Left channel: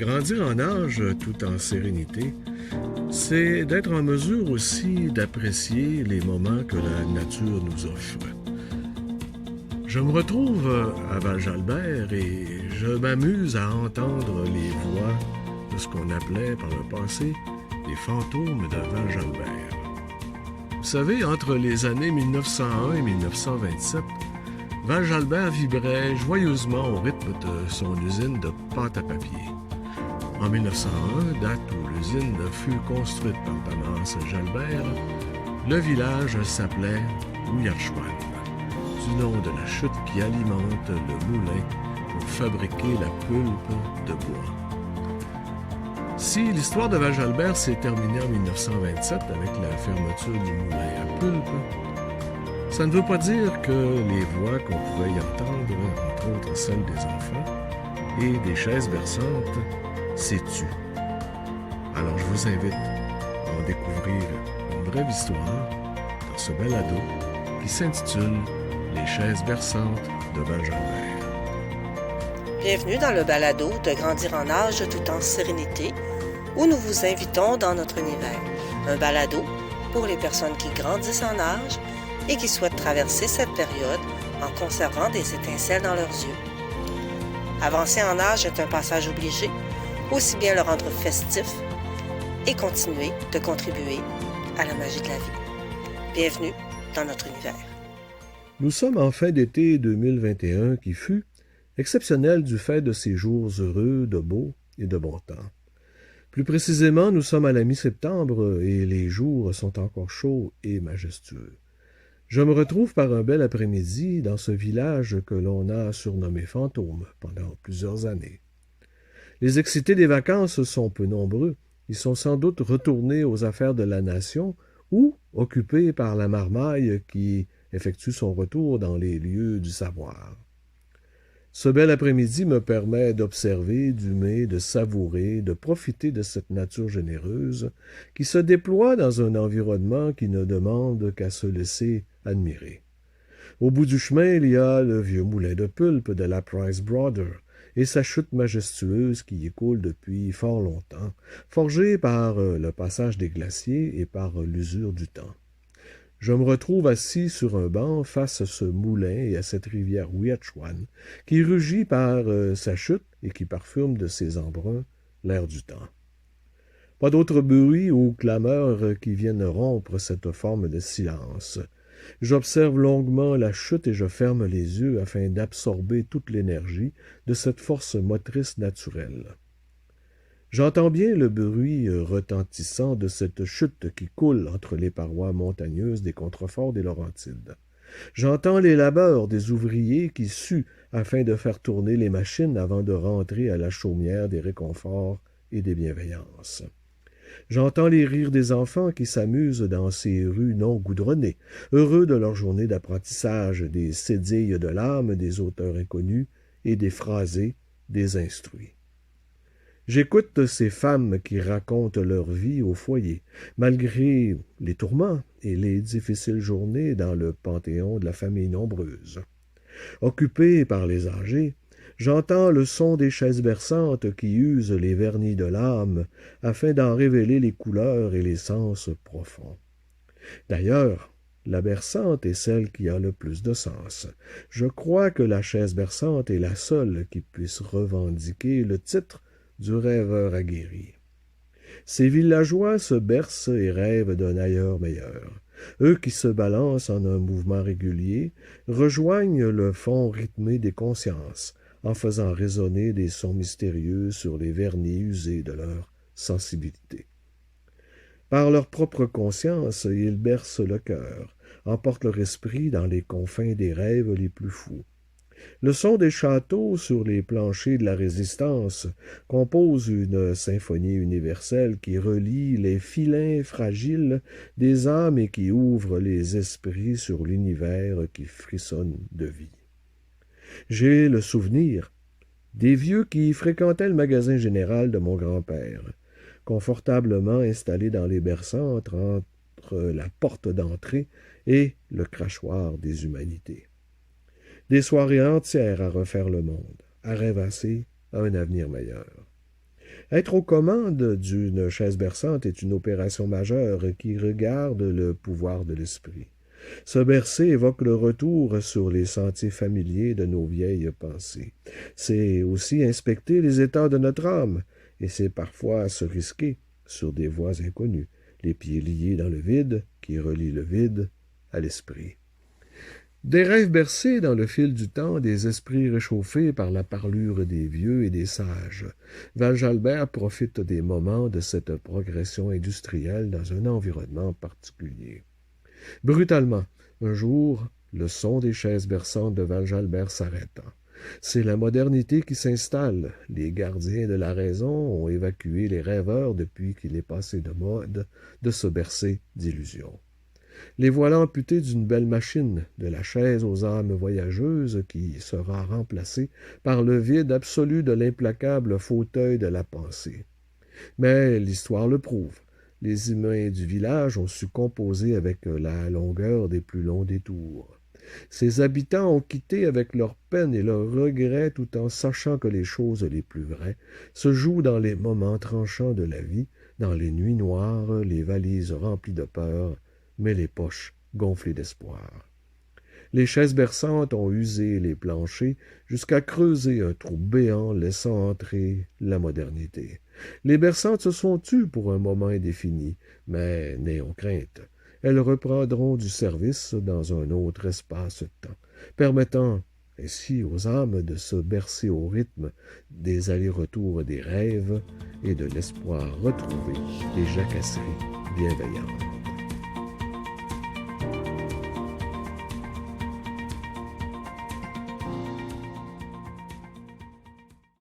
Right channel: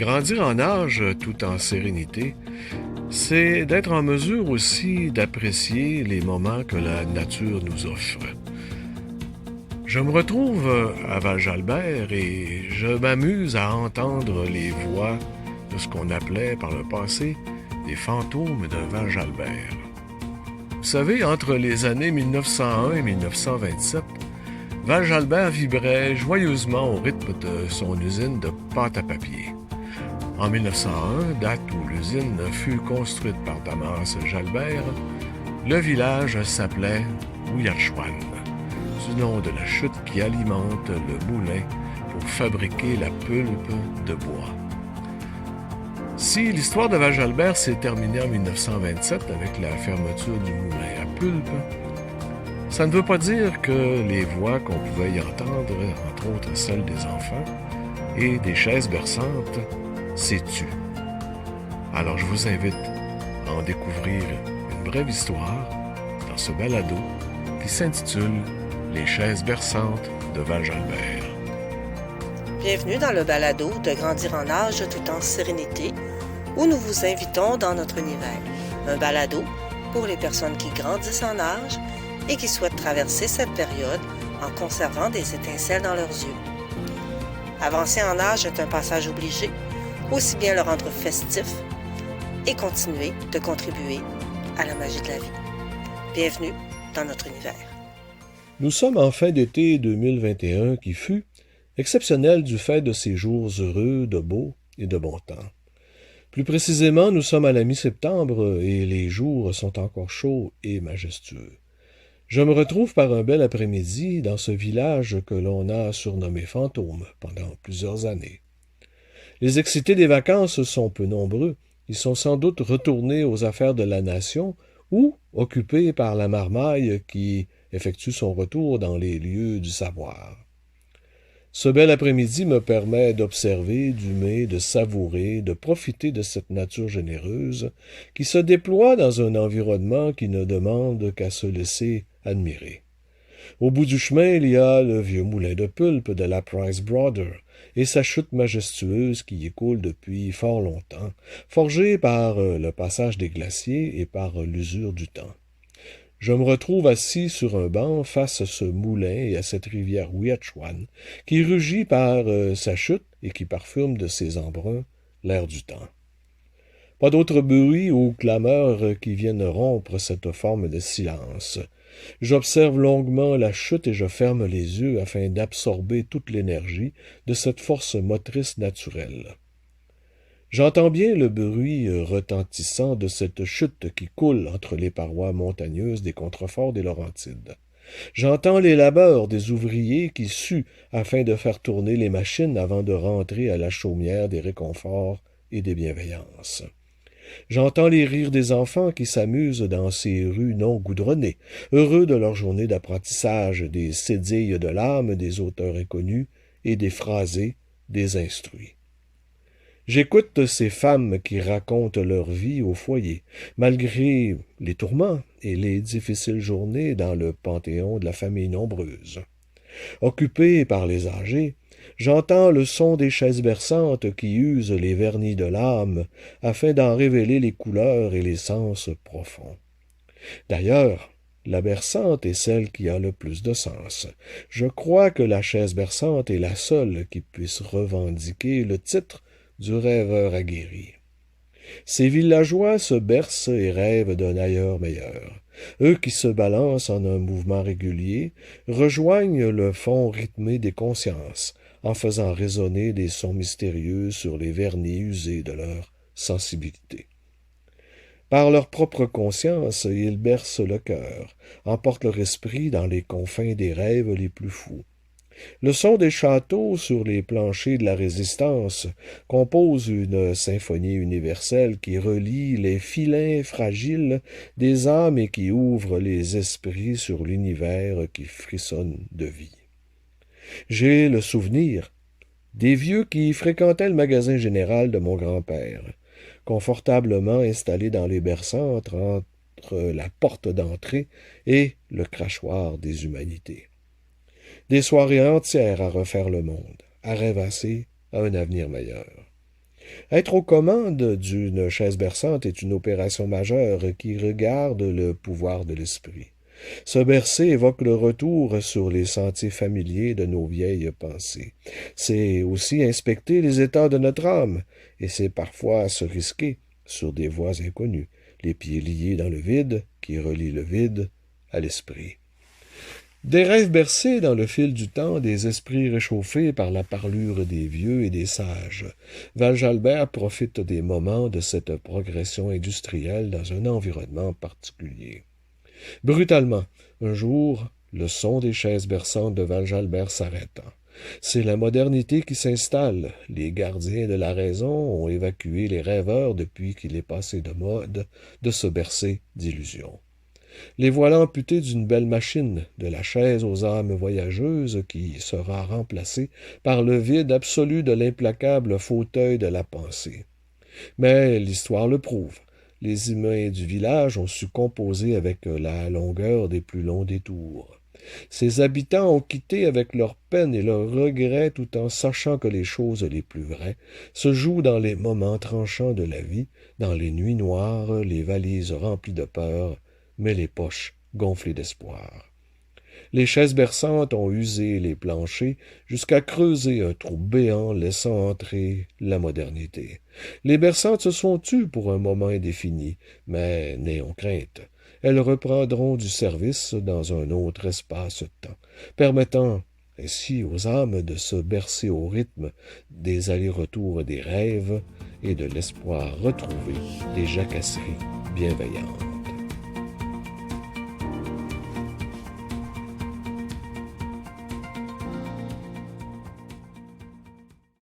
Grandir en âge tout en sérénité, c'est d'être en mesure aussi d'apprécier les moments que la nature nous offre. Je me retrouve à Val-Jalbert et je m'amuse à entendre les voix de ce qu'on appelait par le passé des fantômes de Val-Jalbert. Vous savez, entre les années 1901 et 1927, Val-Jalbert vibrait joyeusement au rythme de son usine de pâte à papier. En 1901, date où l'usine fut construite par Damas Jalbert, le village s'appelait Ouiachuan, du nom de la chute qui alimente le moulin pour fabriquer la pulpe de bois. Si l'histoire de Val-Jalbert s'est terminée en 1927 avec la fermeture du moulin à pulpe, ça ne veut pas dire que les voix qu'on pouvait y entendre, entre autres celles des enfants et des chaises berçantes, s'est tues. Alors je vous invite à en découvrir une brève histoire dans ce balado qui s'intitule « Les chaises berçantes de Val-Jalbert ». Bienvenue dans le balado de Grandir en âge tout en sérénité, où nous vous invitons dans notre univers. Un balado pour les personnes qui grandissent en âge et qui souhaitent traverser cette période en conservant des étincelles dans leurs yeux. Avancer en âge est un passage obligé, aussi bien le rendre festif et continuer de contribuer à la magie de la vie. Bienvenue dans notre univers. Nous sommes en fin d'été 2021 qui fut exceptionnel du fait de ces jours heureux, de beau et de bon temps. Plus précisément, nous sommes à la mi-septembre et les jours sont encore chauds et majestueux. Je me retrouve par un bel après-midi dans ce village que l'on a surnommé Fantôme pendant plusieurs années. Les excités des vacances sont peu nombreux. Ils sont sans doute retournés aux affaires de la nation ou occupés par la marmaille qui effectue son retour dans les lieux du savoir. Ce bel après-midi me permet d'observer, d'humer, de savourer, de profiter de cette nature généreuse qui se déploie dans un environnement qui ne demande qu'à se laisser admirer. Au bout du chemin, il y a le vieux moulin de pulpe de la Price Brother et sa chute majestueuse qui y coule depuis fort longtemps, forgée par le passage des glaciers et par l'usure du temps. Je me retrouve assis sur un banc face à ce moulin et à cette rivière Ouiachuan qui rugit par sa chute et qui parfume de ses embruns l'air du temps. Pas d'autres bruits ou clameurs qui viennent rompre cette forme de silence. J'observe longuement la chute et je ferme les yeux afin d'absorber toute l'énergie de cette force motrice naturelle. J'entends bien le bruit retentissant de cette chute qui coule entre les parois montagneuses des contreforts des Laurentides. J'entends les labeurs des ouvriers qui suent afin de faire tourner les machines avant de rentrer à la chaumière des réconforts et des bienveillances. J'entends les rires des enfants qui s'amusent dans ces rues non goudronnées, heureux de leur journée d'apprentissage des cédilles de l'âme des auteurs inconnus et des phrasés des instruits. J'écoute ces femmes qui racontent leur vie au foyer, malgré les tourments et les difficiles journées dans le panthéon de la famille nombreuse. Occupé par les âgés, j'entends le son des chaises berçantes qui usent les vernis de l'âme afin d'en révéler les couleurs et les sens profonds. D'ailleurs, la berçante est celle qui a le plus de sens. Je crois que la chaise berçante est la seule qui puisse revendiquer le titre du rêveur aguerri. Ces villageois se bercent et rêvent d'un ailleurs meilleur. Eux qui se balancent en un mouvement régulier rejoignent le fond rythmé des consciences, en faisant résonner des sons mystérieux sur les vernis usés de leur sensibilité. Par leur propre conscience, ils bercent le cœur, emportent leur esprit dans les confins des rêves les plus fous. Le son des châteaux sur les planchers de la Résistance compose une symphonie universelle qui relie les filins fragiles des âmes et qui ouvre les esprits sur l'univers qui frissonne de vie. J'ai le souvenir des vieux qui fréquentaient le magasin général de mon grand-père, confortablement installés dans les berçantes entre la porte d'entrée et le crachoir des humanités. Des soirées entières à refaire le monde, à rêvasser à un avenir meilleur. Être aux commandes d'une chaise berçante est une opération majeure qui regarde le pouvoir de l'esprit. Se bercer évoque le retour sur les sentiers familiers de nos vieilles pensées. C'est aussi inspecter les états de notre âme, et c'est parfois se risquer sur des voies inconnues, les pieds liés dans le vide qui relie le vide à l'esprit. Des rêves bercés dans le fil du temps, des esprits réchauffés par la parlure des vieux et des sages. Val-Jalbert profite des moments de cette progression industrielle dans un environnement particulier. Brutalement, un jour, le son des chaises berçantes de Val-Jalbert s'arrêta. C'est la modernité qui s'installe. Les gardiens de la raison ont évacué les rêveurs depuis qu'il est passé de mode de se bercer d'illusions. Les voilà amputés d'une belle machine, de la chaise aux âmes voyageuses qui sera remplacée par le vide absolu de l'implacable fauteuil de la pensée. Mais l'histoire le prouve. Les humains du village ont su composer avec la longueur des plus longs détours. Ses habitants ont quitté avec leurs peines et leurs regrets tout en sachant que les choses les plus vraies se jouent dans les moments tranchants de la vie, dans les nuits noires, les valises remplies de peur, mais les poches gonflées d'espoir. Les chaises berçantes ont usé les planchers jusqu'à creuser un trou béant laissant entrer la modernité. Les berçantes se sont tues pour un moment indéfini, mais n'ayons crainte. Elles reprendront du service dans un autre espace-temps, permettant ainsi aux âmes de se bercer au rythme des allers-retours des rêves et de l'espoir retrouvé des jacasseries bienveillantes.